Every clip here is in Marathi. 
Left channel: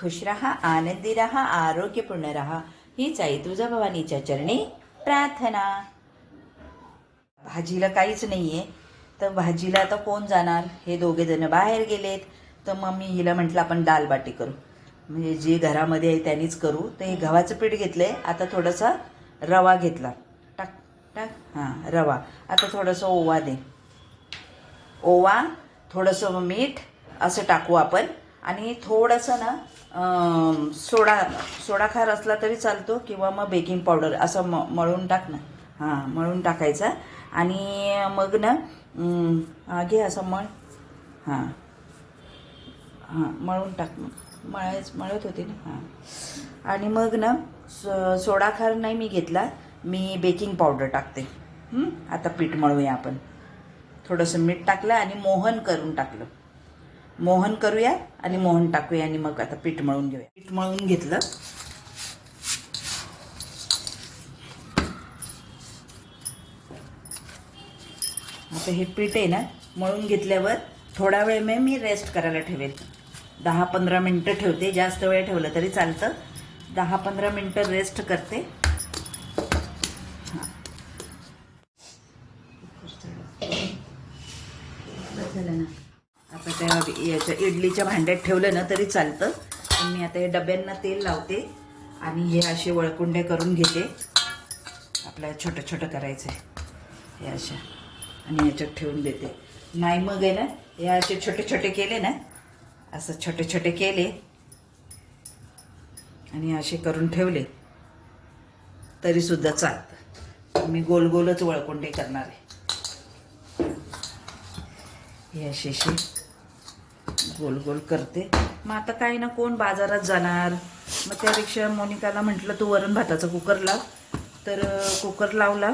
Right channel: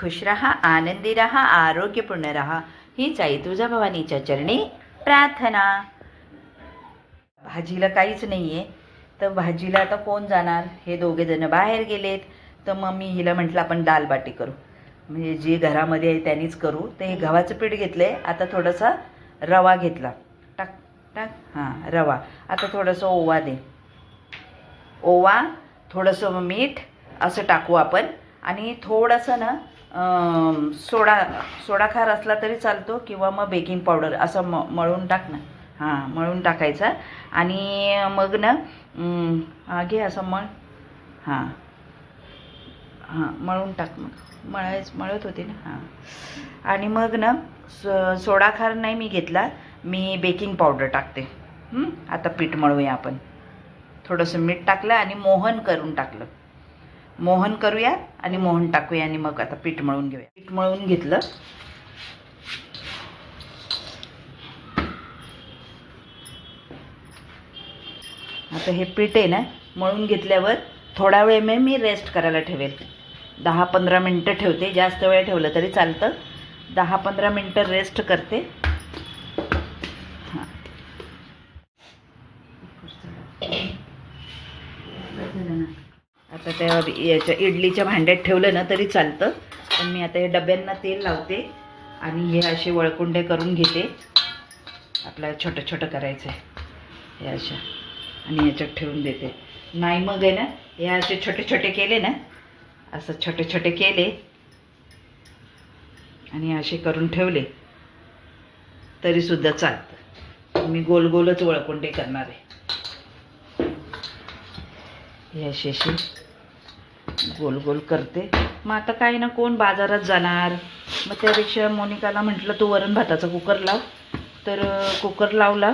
खुश रहा आनंदी रहा आरोग्यपूर्ण रहा हीच आई तुझा भवानीच्या चरणी प्रार्थना। भाजीला काहीच नाही आहे तर भाजीला आता कोण जाणार? हे दोघे जण बाहेर गेलेत. तर मग मी हिला म्हटलं आपण दाल बाटी करू. म्हणजे जे घरामध्ये आहे त्यांनीच करू. तर हे गव्हाचं पीठ घेतलं आहे आता थोडासा रवा घेतला. टाक टाक. हां रवा. आता थोडंसं ओवा दे. ओवा थोडंसं मीठ असं टाकू आपण. आणि थोडंसं ना सोडा सोडा खार असला तरी चालतो किंवा मग बेकिंग पावडर असं म मळून टाक ना. हां मळून टाकायचा. आणि मग ना घे असं मळ. हां. हां मळून टाक मग. मळायच मळत होते ना. हां. आणि मग ना स सोडा खार नाही मी घेतला. मी बेकिंग पावडर टाकते. आता पीठ मळूया आपण. थोडंसं मीठ टाकलं आणि मोहन करून टाकलं. मोहन करूया आणि मोहन टाकूया आणि मग आता पीठ मळून घेऊया. पीठ मळून घेतलं. आता हे पीठ आहे ना मळून घेतल्यावर थोडा वेळ मी मी रेस्ट करायला ठेवेल. दहा पंधरा मिनटं ठेवते. जास्त वेळ ठेवलं तरी चालतं. दहा पंधरा मिनटं रेस्ट करते हां झालं ना आता त्या याच्या इडलीच्या भांड्यात ठेवलं ना तरी चालतं. पण मी आता हे डब्यांना तेल लावते आणि हे असे वळकुंडे करून घेते. आपल्याला छोटं छोटं करायचं आहे. हे अशा. आणि याच्यात ठेवून देते. नाही मग आहे ना हे असे छोटे छोटे केले ना असं छोटे छोटे केले. आणि असे करून ठेवले. तरीसुद्धा चालतं. मी गोल गोलच वळकुंडे करणार आहे. हे असे असे. गोल गोल करते. मग आता काही ना कोण बाजारात जाणार? मग त्यापेक्षा मोनिकाला म्हटलं तू वरण भाताचा कुकर लाव. तर कुकर लावला.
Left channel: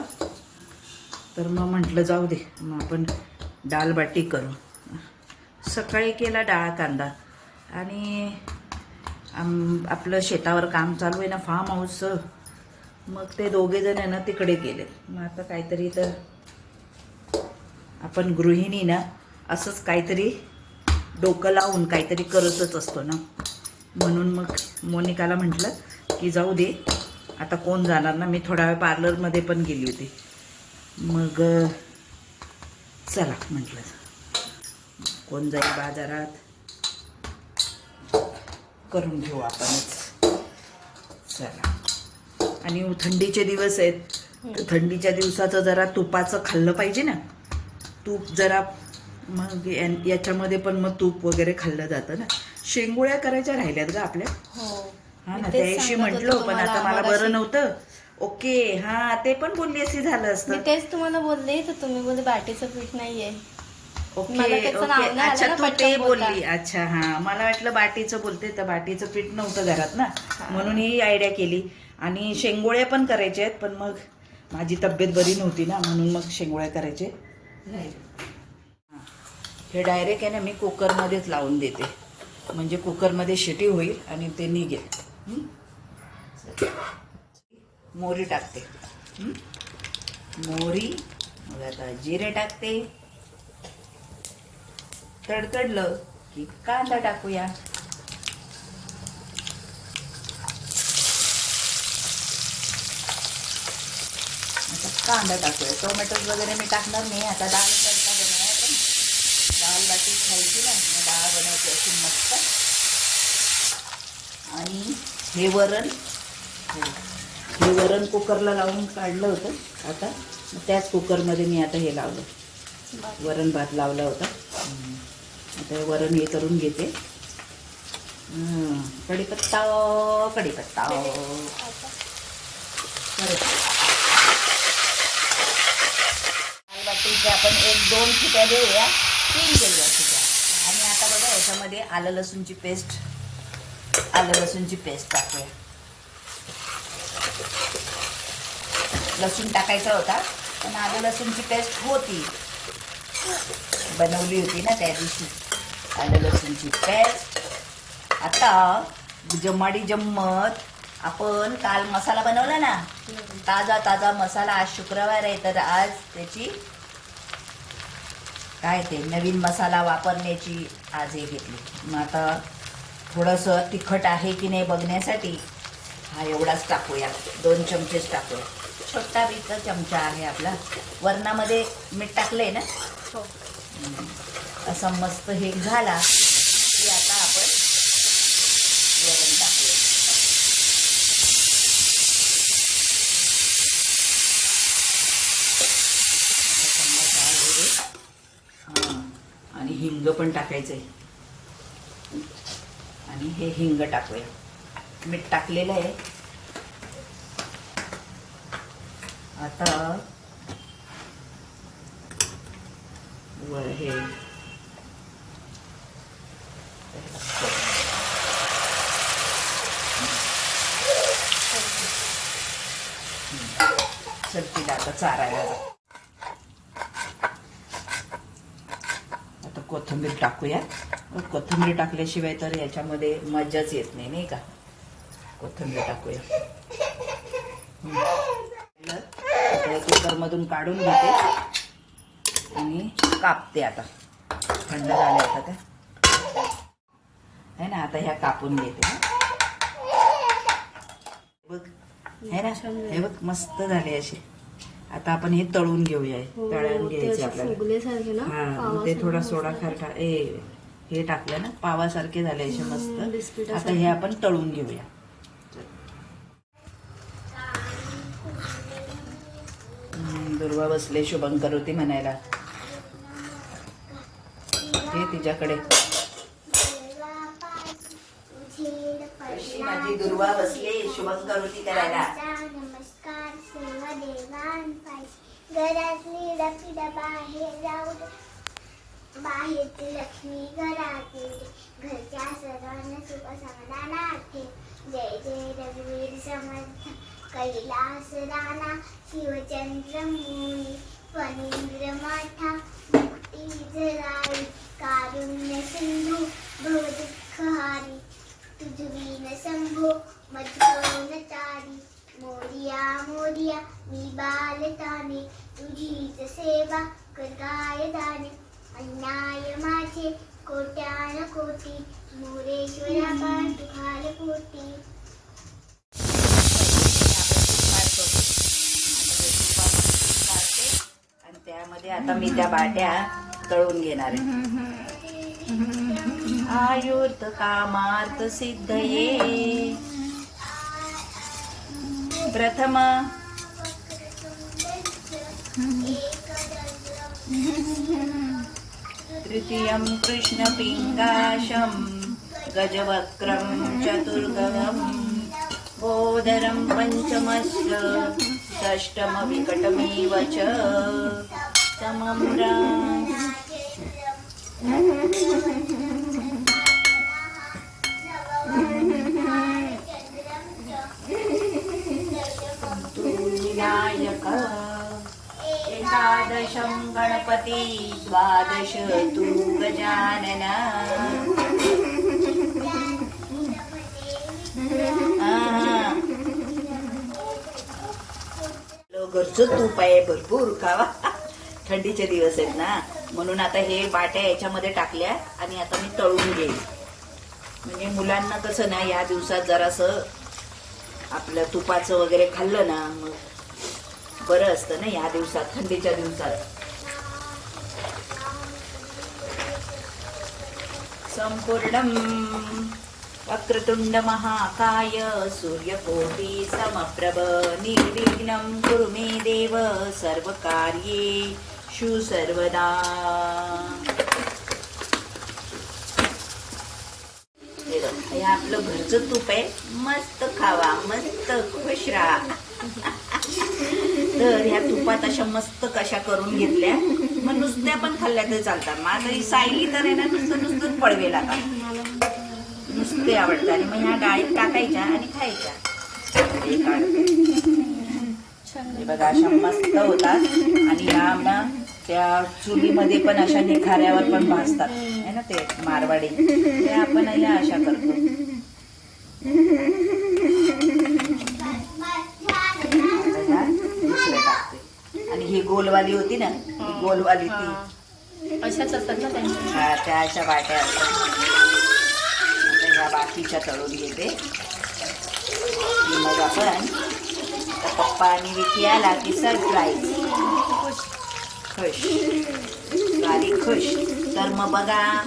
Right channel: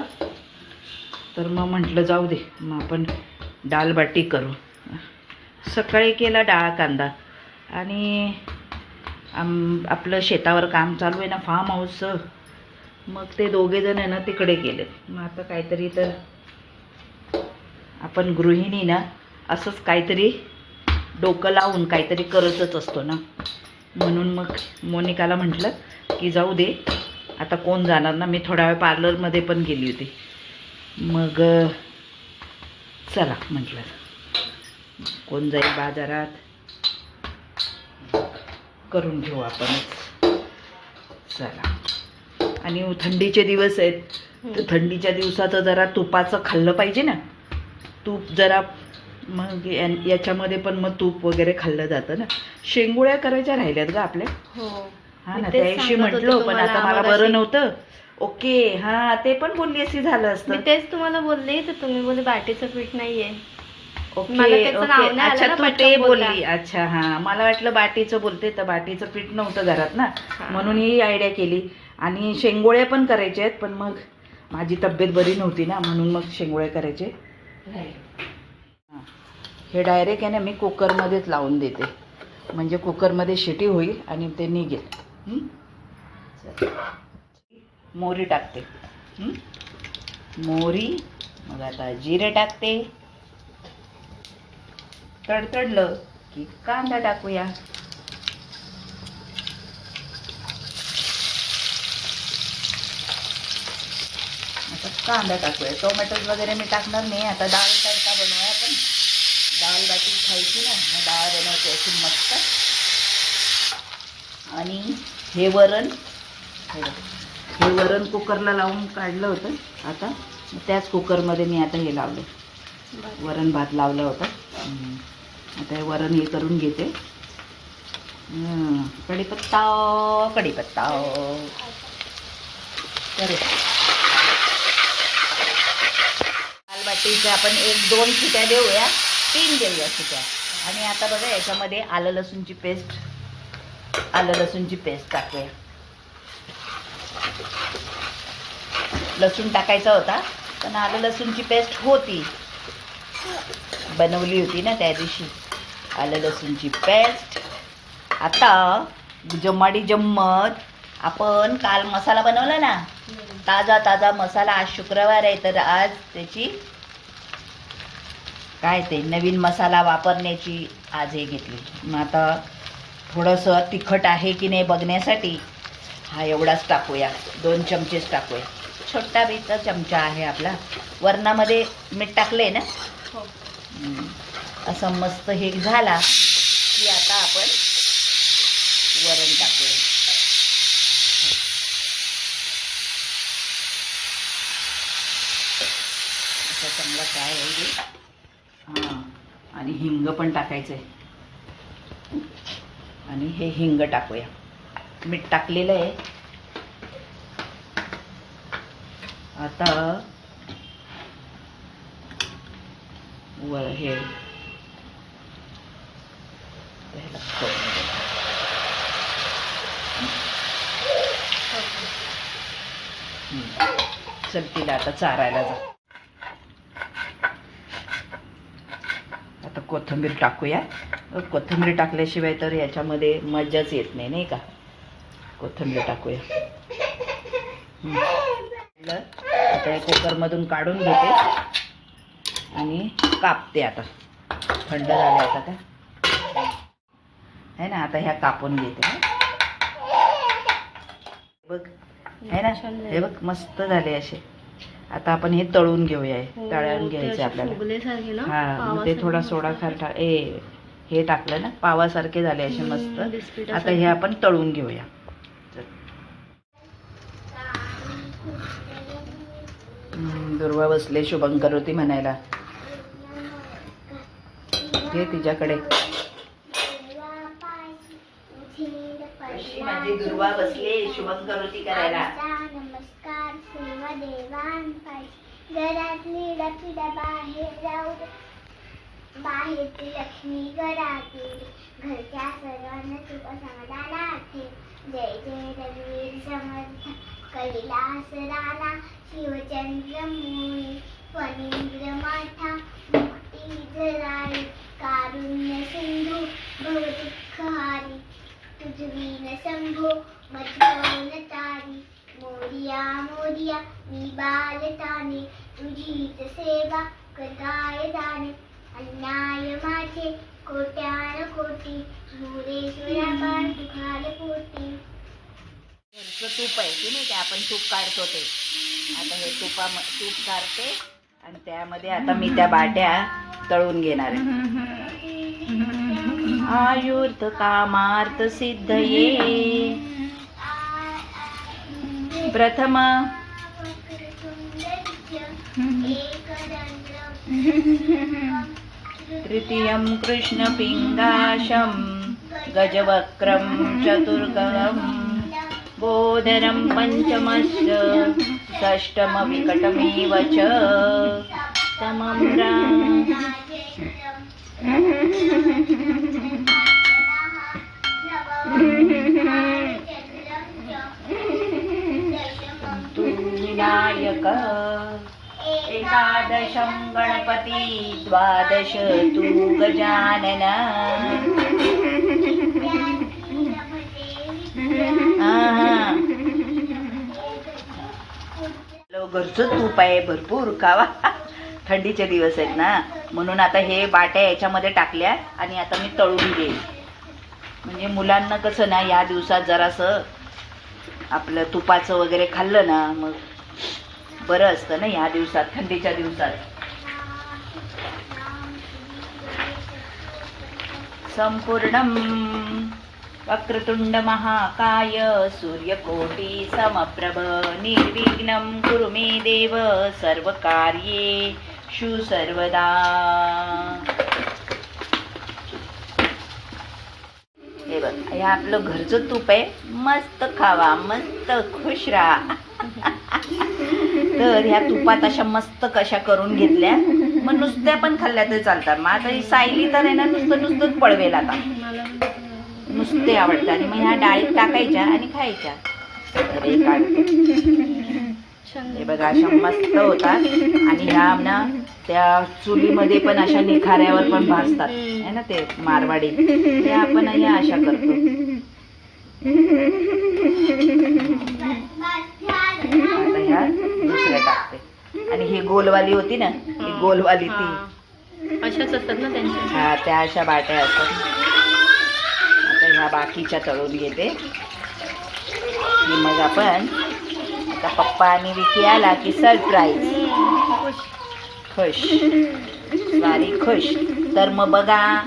तर मग म्हटलं जाऊ दे मग आपण डाळ बाटी करू. सकाळी केला डाळ कांदा. आणि आम आपलं शेतावर काम चालू आहे ना फार्म हाऊसचं मग ते दोघेजण आहे ना तिकडे गेले. मग आता काहीतरी तर आपण गृहिणी ना असंच काहीतरी डोकं लावून काहीतरी करतच असतो ना. म्हणून मग मोनिकाला म्हटलं की जाऊ दे आता कोण जाणार ना? मी थोडा वेळ पार्लरमध्ये पण गेली होती. मग चला म्हटलं. कोण जाईल बाजारात? करून घेऊ आपणच. चला. आणि थंडीचे दिवस आहेत. थंडीच्या दिवसाचं जरा तुपाचं खाल्लं पाहिजे ना. तूप जरा मग याच्यामध्ये पण मग तूप वगैरे खाल्लं जातं ना शेंगुळ्या करायच्या राहिल्यात का आपल्या हो हा मी ना म्हटलं पण आता मला. बरं नव्हतं ओके हा ते पण बोलली अशी झालं मी असतं तेच तुम्हाला बोलले तर तुम्ही बोलले बाटीचं पीठ नाहीये ओके मला त्याचं ओके. नाव नाही आलं अच्छा तू पटकन ते. बोलली अच्छा हा मला वाटलं बाटीचं बोलते तर बाटीचं पीठ नव्हतं घरात ना. म्हणून ही आयडिया केली आणि शेंगोळ्या पण करायच्या आहेत पण मग माझी तब्येत बरी नव्हती ना म्हणून मग शेंगोळ्या करायचे. हे डायरेक्ट आहे ना मी कुकरमध्येच लावून देते. म्हणजे कुकरमध्ये शिटी होईल आणि ते निघेल. मोरी मोहरी टाकते. मोरी मोहरी मग आता जिरे टाकते. तडतडलं की कांदा टाकूया. आता कांदा टाकूया. टोमॅटोज वगैरे मी टाकणार नाही. आता डाळ तडका बनवूया डाळ बाटी खायची ना मग डाळ बनवते अशी मस्त आणि हे वरण हो, वरण कुकरला लावून काढलं होतं आता त्याच कुकरमध्ये मी आता हे लावलं वरण भात लावला होता. आता वरण हे करून घेते. कढीपत्ता कढीपत्ता बरं. दालबाटीचे आपण एक दोन शिट्या देऊया तीन देऊया शिट्या आणि आता बघा याच्यामध्ये आलं लसूणची पेस्ट आलं लसूणची पेस्ट टाकूया. लसूण टाकायचा होता पण आलं लसूणची पेस्ट होती. बनवली होती ना त्या दिवशी. आलं लसूणची पेस्ट आता जम्माडी जम्मत. आपण काल मसाला बनवला ना? ताजा ताजा मसाला आज शुक्रवार आहे तर आज त्याची काय ते नवीन मसाला वापरण्याची आज हे घेतली. मग आता थोडंसं तिखट आहे की नाही बघण्यासाठी हा एवढाच टाकूया. दोन चमचेच टाकूया. छोटा बीचा चमचा आहे आपला. वरणामध्ये मीठ टाकलंय ना? हो. असं मस्त हे झाला की आता आपण वरण टाकूया. काय आहे. हां आणि हिंग पण टाकायचं आहे आणि हे हिंग टाकूया. मीठ टाकलेलं आहे. आता वर हे चल तिला आता चारायला जा आता कोथिंबीर टाकूया कोथिंबीर टाकल्याशिवाय तर याच्यामध्ये मजाच येत नाही नाही का? कोथिंबीर टाकूया. हम्म. आता या कुकरमधून काढून घेते. आणि कापते आता. थंड झाले आता त्या आहे ना आता ह्या कापून घेते बघ आहे ना हे बघ मस्त झाले असे. आता आपण हे तळून घेऊया हे. हो, तळून ते घ्यायचे आपल्याला हा ते थोडा. सोडा खार टा- ए हे टाकलं ना पावासारखे झाले असे मस्त. आता हे आपण तळून घेऊया दुर्वा बसले शुभंकर होती म्हणायला ते तिच्याकडे माझी दुर्वा बसले शुभंकर होती करायला घरातली लक्ष्मी बाहेर जाऊ बाहेरची लक्ष्मी घरातली. घरच्या सर्वांना सुख समाधान आठे. जय जय रघुवीर समर्थ. कैलास राणा शिवचंद्र मुनी फणींद्र माठा. मध्ये. आता मी त्या बाट्या तळून घेणार आहे. आयुर्थ कामार्थ सिद्धये. प्रथम तृतीयं कृष्णपिङ्गाशं गजवक्रं चतुर्गहं बोधरं पञ्चमश्च षष्टमविकटमेव च विनायक एकादशं गणपति द्वादश तु गजानन. घरचं तूप आहे भरपूर खावा थंडीचे दिवस आहेत ना. म्हणून आता हे बाट्या याच्यामध्ये टाकल्या आणि आता मी तळून घेईन म्हणजे मुलांना कसं ना या दिवसात जरासं आपलं तुपाचं वगैरे खाल्लं ना मग बरं असतं ना या दिवसात थंडीच्या दिवसात. संपूर्ण वक्रतुंड महाकाय सूर्यकोटी समप्रभ निर्विघ्नं कुरु मे देव शु सर्वदा हे बघ हे आपलं घरचं तूप आहे. मस्त खावा मस्त खुश राहा. तर ह्या तुपात अशा मस्त कशा करून घेतल्या. मग नुसत्या पण खाल्ल्या तरी चालतात. मग आता सायली तर आहे ना नुसतं नुसतंच पडवेल आता. नुसते आवडतात. आणि मग ह्या डाळीत टाकायच्या आणि खायच्या. हे बघा अशा मस्त होतात. आणि ह्या ना त्या चुलीमध्ये पण अशा निखाऱ्यावर पण भाजतात. है ना ते मारवाडी? ते आपण ह्या अशा करतो. आता ह्या दुसऱ्या टाकते. आणि ही गोलवाली होती ना ही गोलवाली ती. अशाच असतात ना त्यांच्या? हा त्या अशा बाट्या असतात. आता ह्या बाकीच्या तळून घेते. की मग आपण आता पप्पा आणि विकी आला की सरप्राईज खुश बारीक खुश। तर मग बघा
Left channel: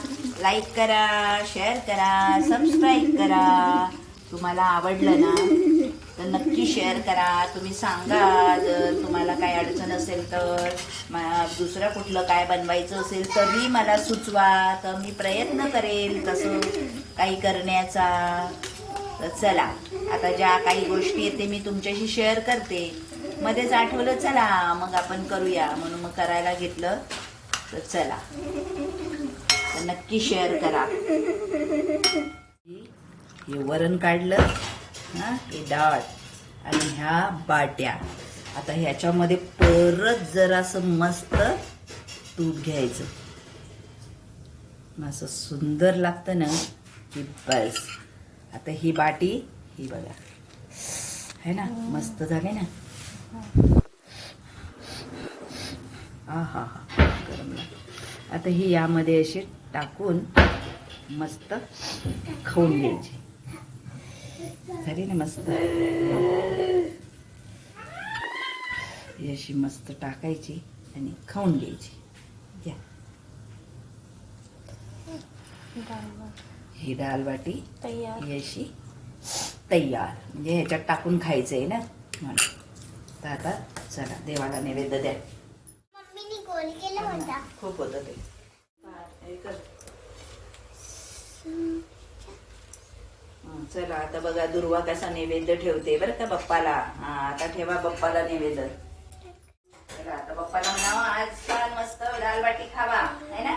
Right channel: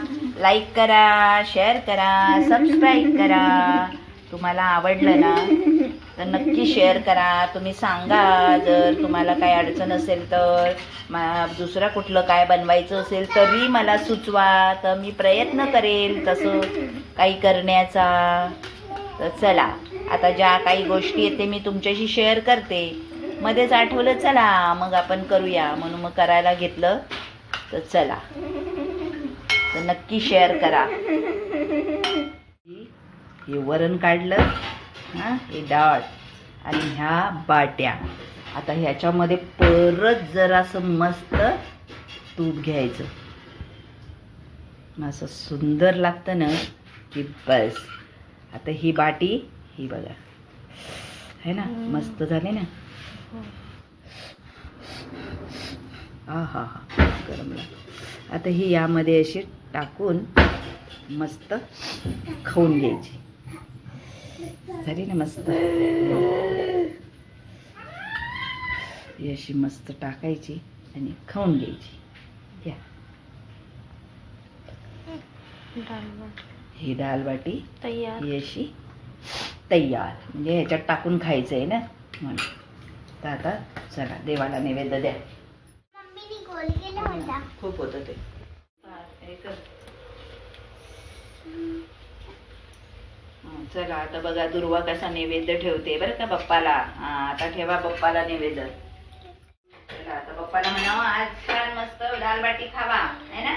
लाईक करा शेअर करा सबस्क्राईब करा. तुम्हाला आवडलं ना तर नक्की शेअर करा. तुम्ही सांगा जर तुम्हाला काय अडचण असेल तर दुसरं कुठलं काय बनवायचं असेल तरी मला सुचवा. तर मी प्रयत्न करेल तसं काही करण्याचा. तर चला आता ज्या काही गोष्टी आहेत ते मी तुमच्याशी शेअर करते. मध्येच आठवलं चला मग आपण करूया. म्हणून मग करायला घेतलं तर चला. तर नक्की शेअर करा. हे वरण काढलं हां हे डाळ आणि ह्या बाट्या. आता ह्याच्यामध्ये परत जरासं मस्त दूध घ्यायचं. मग असं सुंदर लागतं ना की बस. आता ही बाटी ही बघा. है ना? मस्त झाली ना? हा हा हा. गरम आता ही यामध्ये अशी टाकून मस्त खाऊन घ्यायची. झाली ना मस्त? ही अशी मस्त टाकायची आणि खाऊन घ्यायची. घ्या. ही डाळ बाटी तयार. ही अशी तयार. म्हणजे ह्याच्यात टाकून खायचं आहे ना? म्हणून. तर आता चला देवाला नैवेद्य द्या. खूप होतं ते. चला आता बघा दुर्वा कसा नैवेद्य ठेवते बरं का बाप्पाला. हा आता ठेवा बाप्पाला नैवेद्य. चला आता बाप्पाला म्हणावं आज छान मस्त डाळ बाटी खावा. है ना?